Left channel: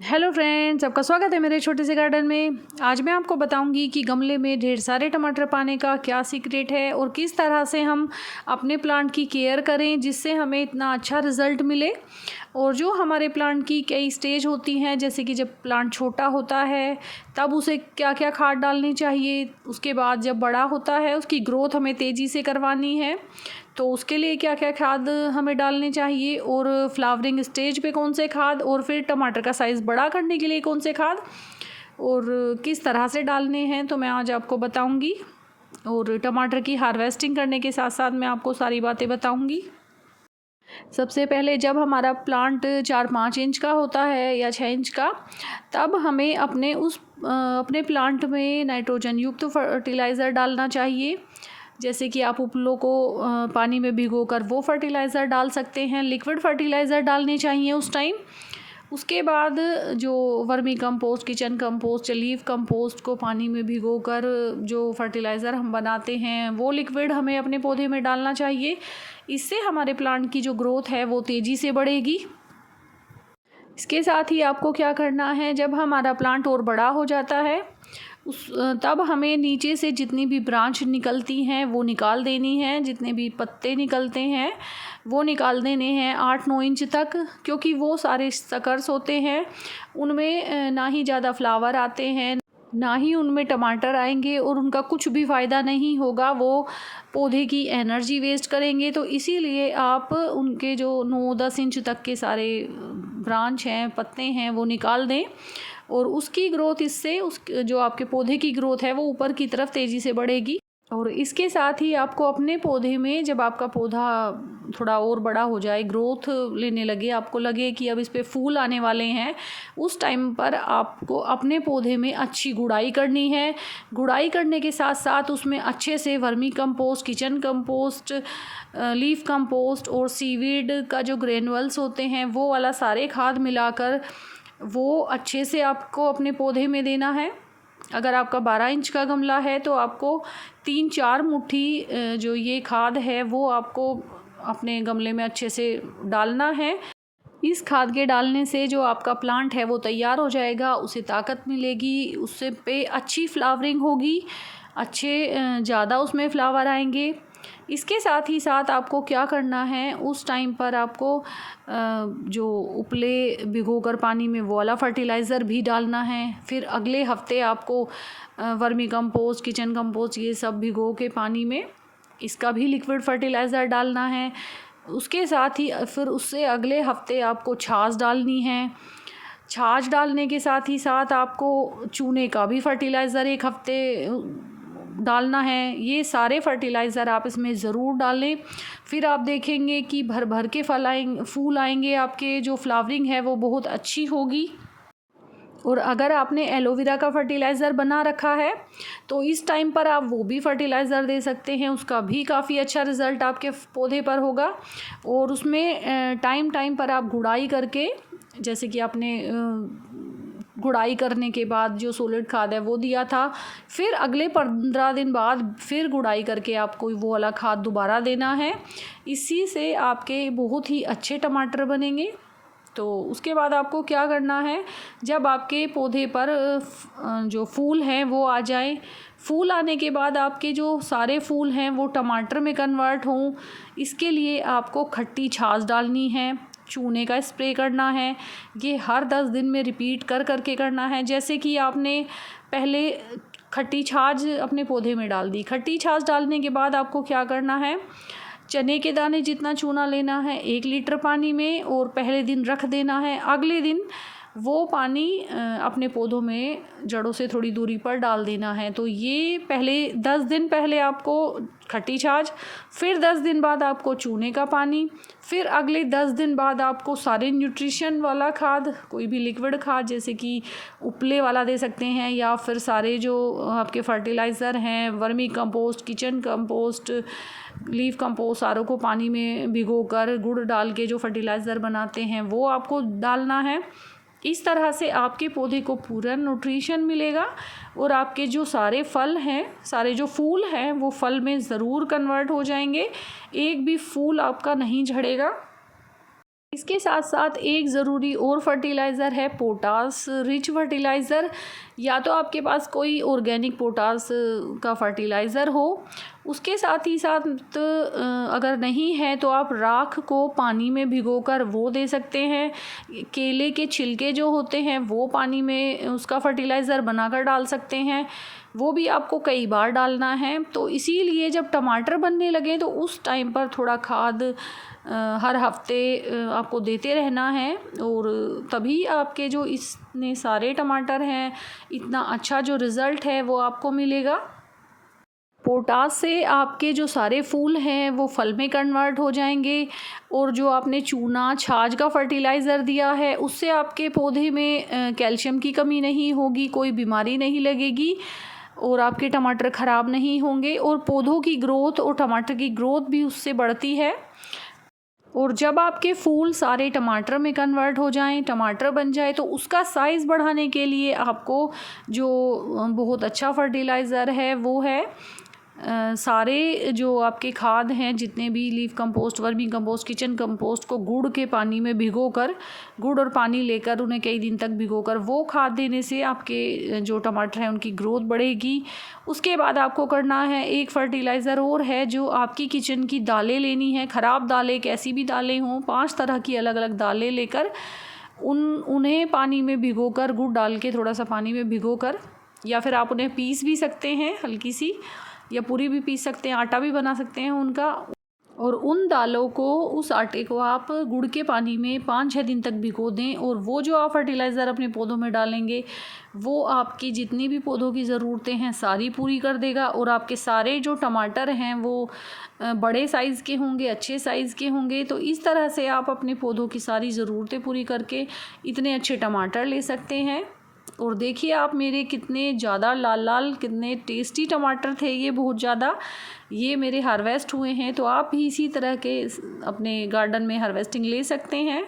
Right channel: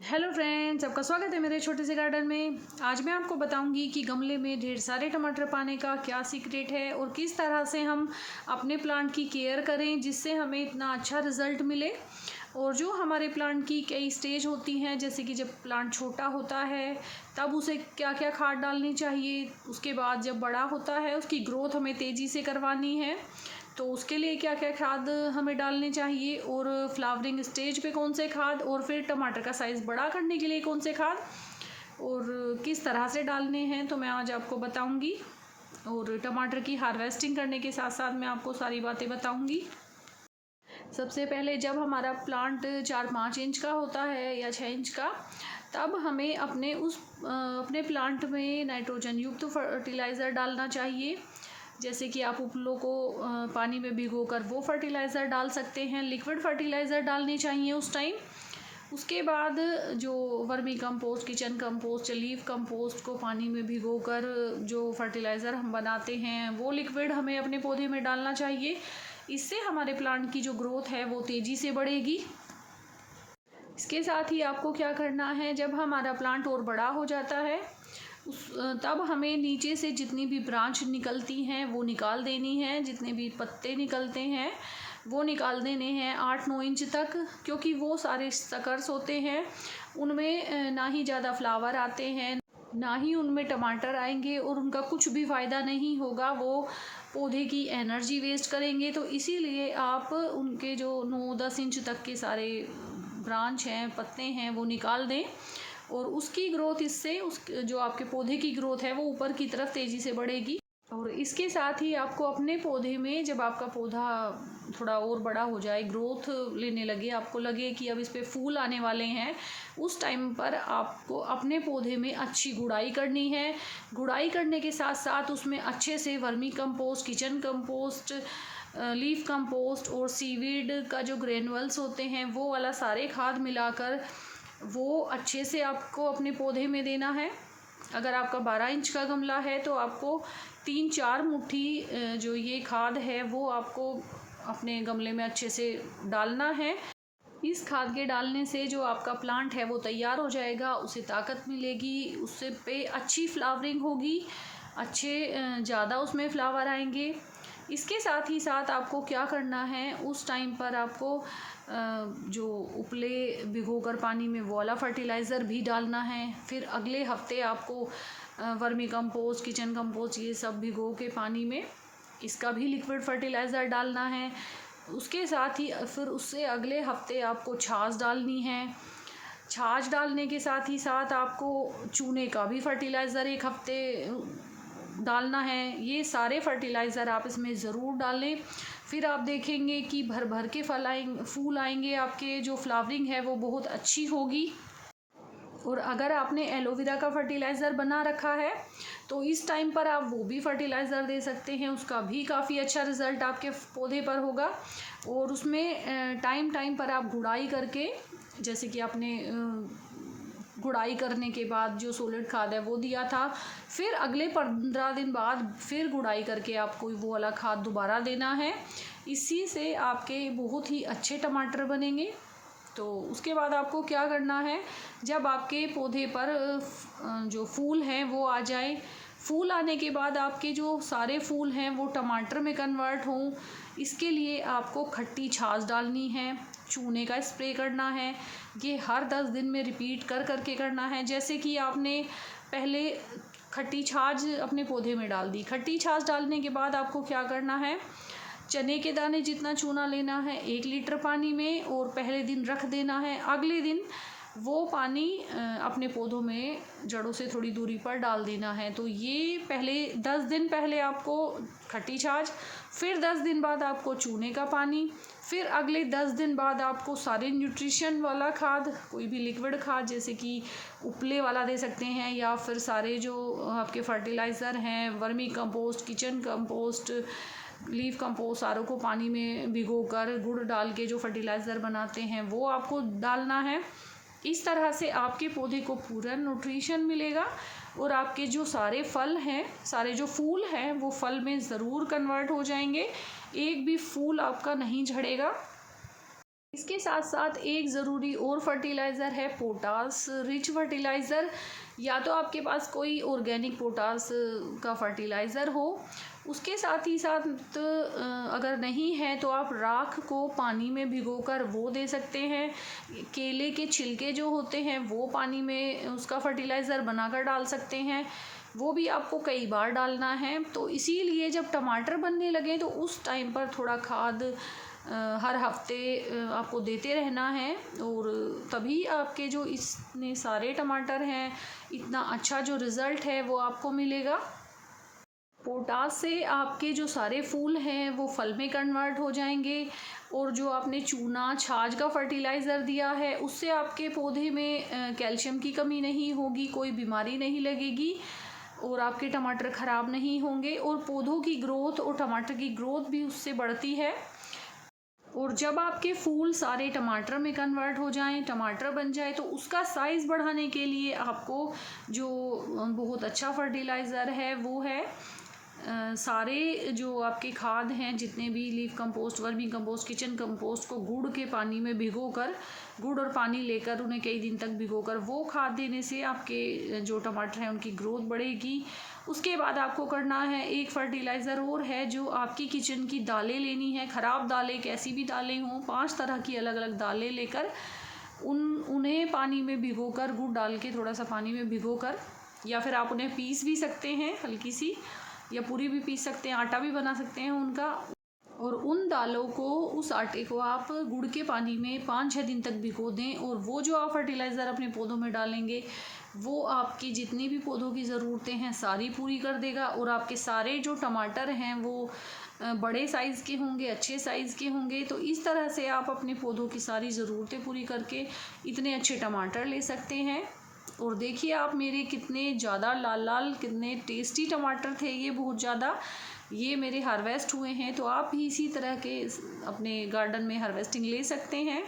Hello friends, आपका स्वागत है मेरे छोटे से गार्डन में। आज मैं आपको बताऊंगी कि गमले में ढेर सारे टमाटर पाने का क्या सीक्रेट है और किस तरह से हम अपने प्लांट की केयर करें जिससे हमें इतना अच्छा रिज़ल्ट मिले। और जो हमारे प्लांट की कई स्टेज होती हैं, जैसे कि जब प्लांट छोटा होता है तब उसे क्या क्या खाद डालनी चाहिए, उसके बाद जब बड़ा होता है उसकी ग्रोथ हमें तेज़ी से करवानी है तो उसके लिए क्या क्या खाद हमें डालने चाहिए, और फ्लावरिंग स्टेज पे कौन से खाद, और फिर टमाटर का साइज़ बड़ा करने के लिए कौन से खाद और किस तरह से डालने हैं, तो मैं आज आपको बताऊंगी। और टमाटर की हार्वेस्टिंग करने के साथ साथ मैं आपको सारी बातें बताऊंगी। सबसे पहले जब हमारा प्लांट 4-5 इंच का होता है या 6 इंच का, तब हमें अपने प्लांट में नाइट्रोजन युक्त फर्टिलाइज़र डालना चाहिए। जैसे कि आप उपलों को पानी में भिगोकर वो फर्टिलाइज़र डाल सकते हैं। लिक्विड फर्टिलाइज़र डालने चाहिए उस टाइम। उसके बाद जो वर्मी कंपोस्ट, किचन कंपोस्ट या लीफ कंपोस्ट को पानी में भिगोकर जो फर्टिलाइज़र हम बनाते हैं वो लिक्विड हमें अपने पौधे में डालना चाहिए। इससे हमारे प्लांट की जो ग्रोथ है वो तेज़ी से बढ़ेगी। इसके साथ ही आपको क्या करना है, जब हमारा प्लांट और बड़ा हो जाता है तब हमें नीचे से जितनी भी ब्रांच निकलती हैं वो निकाल देनी है। जितने भी पत्ते निकलते हैं वो निकाल देने हैं 8-9 इंच तक, क्योंकि वो सारे सकर्स होते हैं। उनमें ना ही ज़्यादा फ्लावर आते हैं, ना ही उनमें टमाटर आएंगे, और उनका कुछ भी फ़ायदा नहीं होगा। वो पौधे की एनर्जी वेस्ट करेंगे। तो इसीलिए आप उनके जो 9-10 इंच तक के सारे ब्रांच हैं, पत्ते हैं, वो निकाल दें। और उसकी ग्रोथ, इससे उस जो आपके पौधे की ग्रोथ है वो ऊपर की तरफ तेज़ी से बढ़ेगी। और इसके साथ ही आपको अपने पौधे में, जब आपका पौधा थोड़ा और बड़ा हो जाए, ग्रोथ लेने लगे, आपको लगे कि अब इस पे फूल आने वाले हैं, उस टाइम पर आपको अपने पौधे में अच्छी गुड़ाई करनी है। गुड़ाई करने के साथ साथ उसमें अच्छे से vermi compost, kitchen compost, leaf compost और सीवीड का जो ग्रेनुअल्स होते हैं वो वाला सारे खाद मिलाकर वो अच्छे से आपको अपने पौधे में देना है। अगर आपका 12 इंच का गमला है तो आपको 3-4 मुट्ठी जो ये खाद है वो आपको अपने गमले में अच्छे से डालना है। इस खाद के डालने से जो आपका प्लांट है वो तैयार हो जाएगा, उसे ताकत मिलेगी, उससे पे अच्छी फ्लावरिंग होगी, अच्छे ज़्यादा उसमें फ्लावर आएंगे। इसके साथ ही साथ आपको क्या करना है, उस टाइम पर आपको जो उपले भिगोकर पानी में वो वाला फर्टिलाइज़र भी डालना है। फिर अगले हफ्ते आपको वर्मी कंपोस्ट, किचन कंपोस्ट, ये सब भिगो के पानी में इसका भी लिक्विड फर्टिलाइज़र डालना है। उसके साथ ही फिर उससे अगले हफ्ते आपको छाछ डालनी है। छाछ डालने के साथ ही साथ आपको चूने का भी फर्टिलाइज़र एक हफ्ते डालना है। ये सारे फर्टिलाइज़र आप इसमें ज़रूर डालें। फिर आप देखेंगे कि भर भर के फूल आएंगे, आपके जो फ्लावरिंग है वो बहुत अच्छी होगी। और अगर आपने एलोवेरा का फर्टिलाइज़र बना रखा है तो इस टाइम पर आप वो भी फर्टिलाइज़र दे सकते हैं, उसका भी काफ़ी अच्छा रिज़ल्ट आपके पौधे पर होगा। और उसमें टाइम टाइम पर आप गुड़ाई करके, जैसे कि आपने गुड़ाई करने के बाद जो सॉलिड खाद है वो दिया था, फिर अगले 15 दिन बाद फिर गुड़ाई करके आपको वो वाला खाद दोबारा देना है। इसी से आपके बहुत ही अच्छे टमाटर बनेंगे। तो उसके बाद आपको क्या करना है, जब आपके पौधे पर जो फूल हैं वो आ जाए, फूल आने के बाद आपके जो सारे फूल हैं वो टमाटर में कन्वर्ट हों, इसके लिए आपको खट्टी छाछ डालनी है, चूने का स्प्रे करना है। ये हर 10 दिन में रिपीट कर करके करना है। जैसे कि आपने पहले खट्टी छाछ अपने पौधे में डाल दी, खट्टी छाछ डालने के बाद आपको क्या करना है, चने के दाने जितना चूना लेना है 1 लीटर पानी में, और पहले दिन रख देना है। अगले दिन वो पानी अपने पौधों में जड़ों से थोड़ी दूरी पर डाल देना है। तो ये पहले 10 दिन पहले आपको खट्टी छाछ, फिर 10 दिन बाद आपको चूने का पानी, फिर अगले 10 दिन बाद आपको सारे न्यूट्रिशन वाला खाद, कोई भी लिक्विड खाद जैसे कि उपले वाला दे सकते हैं, या फिर सारे जो आपके फर्टिलाइज़र हैं, vermi compost, kitchen compost, leaf compost, सारों को पानी में भिगोकर गुड़ डाल के जो फर्टिलाइज़र बनाते हैं वो आपको डालना है। इस तरह से आपके पौधे को पूरा न्यूट्रिशन मिलेगा और आपके जो सारे फल हैं, सारे जो फूल हैं वो फल में ज़रूर कन्वर्ट हो जाएंगे। एक भी फूल आपका नहीं झड़ेगा। इसके साथ साथ एक ज़रूरी और फर्टिलाइज़र है पोटास रिच फर्टिलाइज़र। या तो आपके पास कोई ऑर्गेनिक पोटास का फर्टिलाइज़र हो, उसके साथ ही साथ अगर नहीं है तो आप राख को पानी में भिगोकर वो दे सकते हैं। केले के छिलके जो होते हैं वो पानी में उसका फर्टिलाइज़र बनाकर डाल सकते हैं, वो भी आपको कई बार डालना है। तो इसीलिए जब टमाटर बनने लगे तो उस टाइम पर थोड़ा खाद हर हफ्ते आपको देते रहना है, और तभी आपके जो इतने सारे टमाटर हैं, इतना अच्छा जो रिज़ल्ट है वो आपको मिलेगा। पोटास से आपके जो सारे फूल हैं वो फल में कन्वर्ट हो जाएंगे, और जो आपने चूना छाछ का फर्टिलाइज़र दिया है उससे आपके पौधे में कैल्शियम की कमी नहीं होगी, कोई बीमारी नहीं लगेगी, और आपके टमाटर ख़राब नहीं होंगे, और पौधों की ग्रोथ और टमाटर की ग्रोथ भी उससे बढ़ती है। और जब आपके फूल सारे टमाटर में कन्वर्ट हो जाएं, टमाटर बन जाए, तो उसका साइज़ बढ़ाने के लिए आपको जो बहुत अच्छा फर्टिलाइज़र है वो है सारे जो आपके खाद हैं, जितने भी leaf compost, vermi compost, kitchen compost को गुड़ के पानी में भिगोकर, गुड़ और पानी लेकर उन्हें कई दिन तक भिगोकर वो खाद देने से आपके जो टमाटर हैं उनकी ग्रोथ बढ़ेगी। उसके बाद आपको करना है एक फर्टिलाइज़र और है, जो आपकी किचन की दालें लेनी है, ख़राब दालें, कैसी भी दालें हों, 5 तरह की अलग अलग दालें लेकर उन्हें पानी में भिगोकर, गुड़ डाल के थोड़ा सा पानी में भिगोकर, या फिर आप उन्हें पीस भी सकते हैं हल्की सी, या पूरी भी पीस सकते हैं, आटा भी बना सकते हैं उनका। और उन दालों को, उस आटे को आप गुड़ के पानी में 5-6 दिन तक भिगो दें, और वो जो आप फर्टिलाइज़र अपने पौधों में डालेंगे वो आपकी जितनी भी पौधों की ज़रूरतें हैं सारी पूरी कर देगा, और आपके सारे जो टमाटर हैं वो बड़े साइज़ के होंगे, अच्छे साइज़ के होंगे। तो इस तरह से आप अपने पौधों की सारी ज़रूरतें पूरी करके इतने अच्छे टमाटर ले सकते हैं। और देखिए आप मेरे कितने ज़्यादा लाल लाल, कितने टेस्टी टमाटर थे ये, बहुत ज़्यादा, ये मेरे हार्वेस्ट हुए हैं। तो आप भी इसी तरह के अपने गार्डन में हार्वेस्टिंग ले सकते हैं।